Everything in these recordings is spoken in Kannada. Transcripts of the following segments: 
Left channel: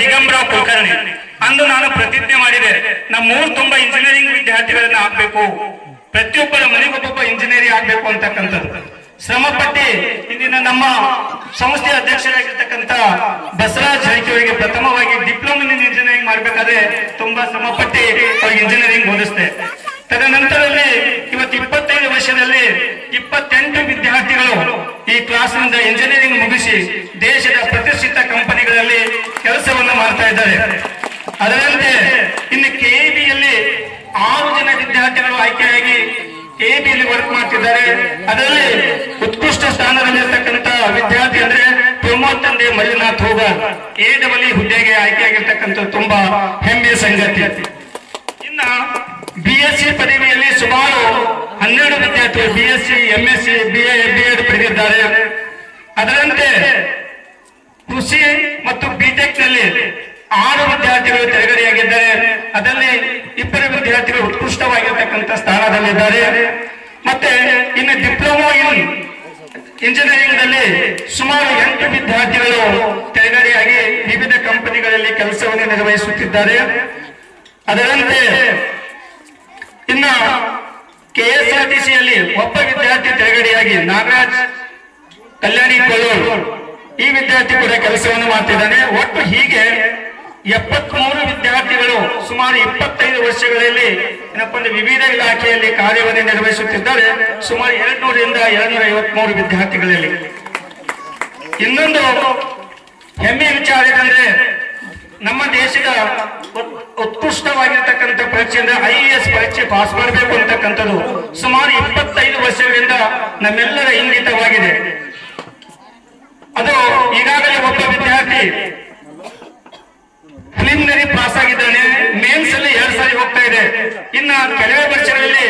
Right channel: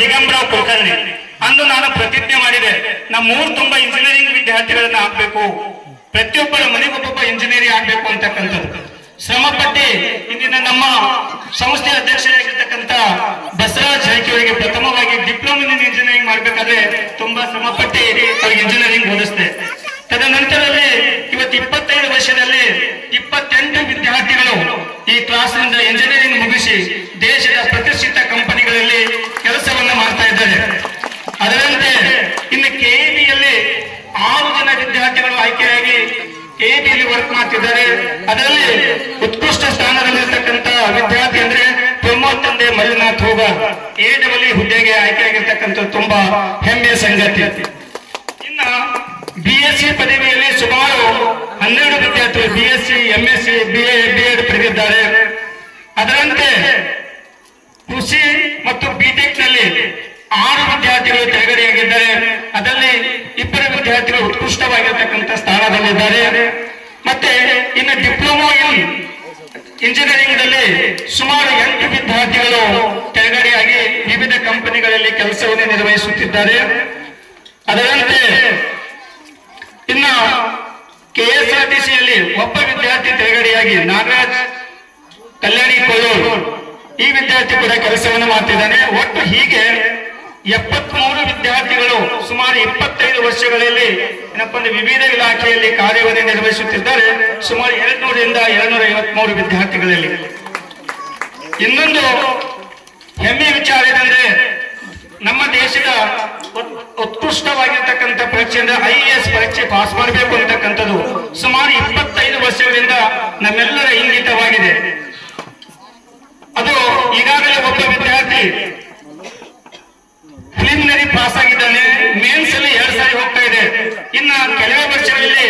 ದಿಗಂಬರಾವ್ ಕುಲಕರ್ಣಿ. ಅಂದು ನಾನು ಪ್ರತಿಜ್ಞೆ ಮಾಡಿದೆ, ನಮ್ಮ ಊರು ತುಂಬಾ ಇಂಜಿನಿಯರಿಂಗ್ ವಿದ್ಯಾರ್ಥಿಗಳನ್ನ ಹಾಕ್ಬೇಕು ಪ್ರತಿಯೊಬ್ಬರ ಮನೆಗೊಬ್ಬೊಬ್ಬ ಇಂಜಿನಿಯರಿಂಗ್ ಆಗ್ಬೇಕು ಅಂತಕ್ಕಂಥದ್ದು. ಶ್ರಮ ಪಟ್ಟಿ ಇಂದಿನ ನಮ್ಮ ಸಂಸ್ಥೆ ಅಧ್ಯಕ್ಷರಾಗಿರ್ತಕ್ಕಂಥ ಬಸವರಾಜ್ ಅವರಿಗೆ ಪ್ರಥಮವಾಗಿ ಡಿಪ್ಲೊಮಾ ಇಂಜಿನಿಯರಿಂಗ್ ಮಾಡ್ಬೇಕಾದ್ರೆ ತುಂಬಾ ಶ್ರಮ ಪಟ್ಟಿ ಅವ್ರಿಗೆ ಇಂಜಿನಿಯರಿಂಗ್ ಓದಿಸ್ತೇ ತದನಂತರದಲ್ಲಿ ಇವತ್ತು ಇಪ್ಪತ್ತೈದು ವರ್ಷದಲ್ಲಿ ಇಪ್ಪತ್ತೆಂಟು ವಿದ್ಯಾರ್ಥಿಗಳು ಈ ಕ್ಲಾಸ್ನಿಂದ ಇಂಜಿನಿಯರಿಂಗ್ ಮುಗಿಸಿ ದೇಶದ ಕಂಪನಿಗಳಲ್ಲಿ ಇದ್ದಾರೆ ಅದರಂತೆ ಇನ್ನು ಕೆಇಬಿಯಲ್ಲಿ ಆರು ಜನ ವಿದ್ಯಾರ್ಥಿಗಳು ಆಯ್ಕೆಯಾಗಿ ಕೆಇಬಿಯಲ್ಲಿ ವರ್ಕ್ ಮಾಡ್ತಿದ್ದಾರೆ. ಅದರಲ್ಲಿ ಉತ್ಕೃಷ್ಟ ಸ್ಥಾನದಲ್ಲಿರ್ತಕ್ಕಂಥ ವಿದ್ಯಾರ್ಥಿ ಅಂದ್ರೆ ಪ್ರಮೋದ್ ತಂದೆ ಮಲ್ಲಿನಾಥ್ ಹೋಗ ಎ ಡಬಲ್ ಹುದ್ದೆಗೆ ಆಯ್ಕೆಯಾಗಿರ್ತಕ್ಕಂಥ ತುಂಬಾ ಹೆಮ್ಮೆಯ ಸಂಗತಿ. ಇನ್ನ ಬಿಎಸ್ಸಿ ಪದವಿಯಲ್ಲಿ ಸುಮಾರು ಹನ್ನೆರಡು ವಿದ್ಯಾರ್ಥಿಗಳು B S C M S C B A B Ed ಪಡೆದಿದ್ದಾರೆ. ಅದರಂತೆ ಕೃಷಿ ಮತ್ತು ಬಿಟೆಕ್ ಆರು ವಿದ್ಯಾರ್ಥಿಗಳು ತೆರೆಗಡೆಯಾಗಿದ್ದಾರೆ ಅದರಲ್ಲಿ ಇಬ್ಬರು ವಿದ್ಯಾರ್ಥಿಗಳು ಉತ್ಕೃಷ್ಟವಾಗಿರ್ತಕ್ಕಂಥ ಸ್ಥಾನದಲ್ಲಿದ್ದಾರೆ. ಮತ್ತೆ ಇನ್ನು ಡಿಪ್ಲೊಮಾ ಇನ್ ಇಂಜಿನಿಯರಿಂಗ್ನಲ್ಲಿ ಸುಮಾರು ಎಂಟು ವಿದ್ಯಾರ್ಥಿಗಳು ತೆರಗಡೆಯಾಗಿ ವಿವಿಧ ಕಂಪನಿಗಳಲ್ಲಿ ಕೆಲಸವನ್ನು ನಿರ್ವಹಿಸುತ್ತಿದ್ದಾರೆ. ಅದರಂತೆ ಇನ್ನು ಕೆಎಸ್ಆರ್ಟಿಸಿಯಲ್ಲಿ ಒಬ್ಬ ವಿದ್ಯಾರ್ಥಿ ತೆರೆಗಡೆಯಾಗಿ ನಾಗರಾಜ್ ಕಲ್ಯಾಣಿ ಕೊಲ್ಲೂರು ಈ ವಿದ್ಯಾರ್ಥಿ ಕೂಡ ಕೆಲಸವನ್ನು ಮಾಡ್ತಿದ್ದಾನೆ. ಒಟ್ಟು ಹೀಗೆ ಎಪ್ಪತ್ಮೂರು ವಿದ್ಯಾರ್ಥಿಗಳು ಸುಮಾರು ಇಪ್ಪತ್ತೈದು ವರ್ಷಗಳಲ್ಲಿ ಏನಪ್ಪ ಅಂದ್ರೆ ವಿವಿಧ ಇಲಾಖೆಯಲ್ಲಿ ಕಾರ್ಯವನ್ನು ನಿರ್ವಹಿಸುತ್ತಿದ್ದಾರೆ. ಸುಮಾರು ಎರಡ್ನೂರಿಂದ ಎರಡ್ನೂರ ವಿದ್ಯಾರ್ಥಿಗಳಲ್ಲಿ. ಇನ್ನೊಂದು ಹೆಮ್ಮೆ ವಿಚಾರ ಏನಂದ್ರೆ ನಮ್ಮ ದೇಶದ ಉತ್- ಉತ್ಕೃಷ್ಟವಾಗಿರ್ತಕ್ಕಂಥ ಪರೀಕ್ಷೆ ಅಂದ್ರೆ ಐ ಎಸ್ ಪರೀಕ್ಷೆ ಪಾಸ್ ಮಾಡಬೇಕು ಅಂತಕ್ಕಂಥದ್ದು ಸುಮಾರು ಇಪ್ಪತ್ತೈದು ವರ್ಷಗಳಿಂದ ನಮ್ಮೆಲ್ಲರ ಇಂಗಿತವಾಗಿದೆ ಅದು ಈಗಾಗಲೇ ಒಬ್ಬ ವಿದ್ಯಾರ್ಥಿ ಪ್ರಿಲಿಮಿನರಿ ಪಾಸ್ ಆಗಿದ್ದಾನೆ ಮೇನ್ಸ್ ಅಲ್ಲಿ ಎರಡ್ ಸಾರಿ ಹೋಗ್ತಾ ಇದೆ. ಇನ್ನ ಕೆಲವೇ ವರ್ಷಗಳಲ್ಲಿ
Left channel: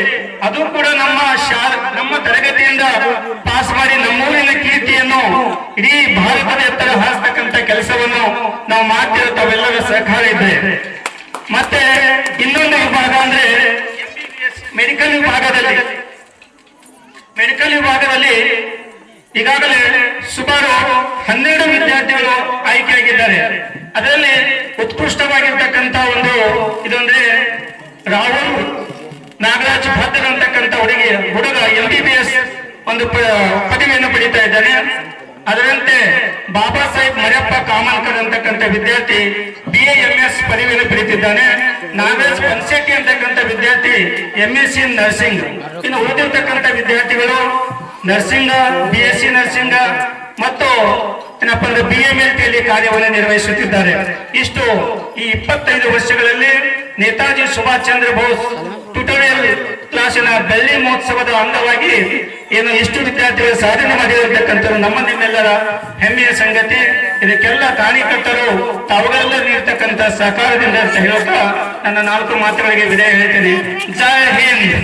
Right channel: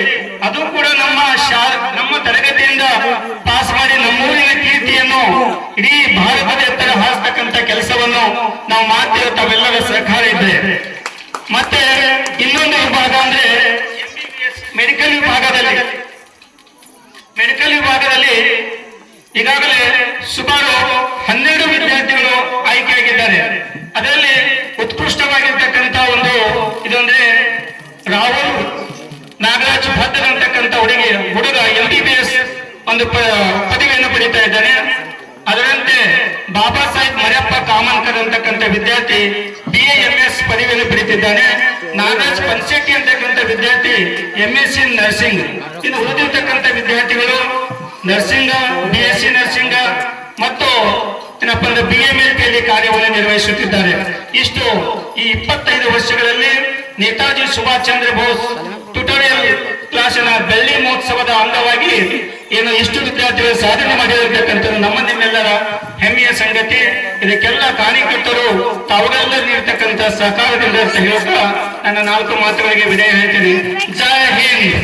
ಅದು ಕೂಡ ನಮ್ಮ ನಮ್ಮ ತರಗತಿಯಿಂದ ಪಾಸ್ ಮಾಡಿ ನಮ್ಮೂರಿನ ಕೀರ್ತಿಯನ್ನು ಇಡೀ ಭಾರತದ ಎತ್ತರ ಹಾರಿಸ್ತಕ್ಕಂತ ಕೆಲಸವನ್ನು ನಾವು ಮಾಡ್ತಿರೋ ತಾವೆಲ್ಲರ ಸಹಕಾರ ಇದೆ. ಮತ್ತೆ ಇನ್ನೊಂದು ವಿಭಾಗ ಅಂದ್ರೆ ಮೆಡಿಕಲ್ ವಿಭಾಗದಲ್ಲಿ. ಮೆಡಿಕಲ್ ವಿಭಾಗದಲ್ಲಿ ಈಗಾಗಲೇ ಸುಮಾರು ಹನ್ನೆರಡು ವಿದ್ಯಾರ್ಥಿಗಳು ಆಯ್ಕೆಯಾಗಿದ್ದಾರೆ. ಅದರಲ್ಲಿ ಉತ್ಕೃಷ್ಟವಾಗಿರ್ತಕ್ಕಂಥ ಒಂದು ಇದೊಂದ್ರೆ ರಾಹುಲ್ ನಾಗರಾಜ್ ಭದ್ರ ಅಂತಕ್ಕಂಥ ಹುಡುಗಿ, ಹುಡುಗ ಎಂ ಬಿ ಬಿ ಎಸ್ ಒಂದು ಪದವಿಯನ್ನು ಪಡೀತಾ ಇದ್ದಾನೆ. ಅದರಂತೆ ಬಾಬಾ ಸಾಹೇಬ್ ಮರಿಯಪ್ಪ ಕಾಮನ್ಕರ್ ಅಂತಕ್ಕಂಥ ವಿದ್ಯಾರ್ಥಿ ಬಿ ಎ ಎಸ್ ಪದವಿಯನ್ನು ಪಡೀತಿದ್ದಾನೆ. ನಾಗರಾಜ್ ಪನ್ಸೆಟ್ಟಿ ಅಂತಕ್ಕಂಥ ವಿದ್ಯಾರ್ಥಿ ಎಂ ಎಸ್ ಸಿ ನರ್ಸಿಂಗ್. ಇನ್ನು ಓದಿರ್ತಕ್ಕಂಥ ವಿದ್ಯಾರ್ಥಿಗಳು ನರ್ಸಿಂಗ್ ಏನಪ್ಪ ಬಿಎಂಎಲ್ಪಿಯಲ್ಲಿ ಕಾರ್ಯವನ್ನು ನಿರ್ವಹಿಸುತ್ತಿದ್ದಾರೆ. ಇಷ್ಟು ಈ ಇಪ್ಪತ್ತೈದು ವರ್ಷಗಳಲ್ಲಿ ನೇತಾಜಿ ಸುಭಾಷ್ ಚಂದ್ರ ಬೋಸ್ ಟ್ಯುಟೋರಿಯಲ್ ಕ್ಲಾಸಿನ ಬೆಳ್ಳಿ ಮಹೋತ್ಸವದ ಅಂಗವಾಗಿ ಏನು ಇಷ್ಟು ವಿದ್ಯಾರ್ಥಿಗಳು ಸಾಧನೆ ಮಾಡಿರತಕ್ಕಂಥದ್ದು ನಮ್ಮ ನಿಮ್ಮೆಲ್ಲರ ಹೆಮ್ಮೆಯ ಸಂಗತಿ. ಇದಕ್ಕೆಲ್ಲ ಕಾರ್ಯಕರ್ತರು ತಾವುಗಳೆಲ್ಲರೂ ನೀಡತಕ್ಕಂಥ ಸಹಕಾರದಿಂದ ಅಂತ ಹೇಳ್ತಾ ನನ್ನ ನಾಲ್ಕು ಮಾತುಗಳಿಗೆ ವಿದಾಯ ಹೇಳ್ತೀನಿ. ಜೈ ಹಿಂದ್.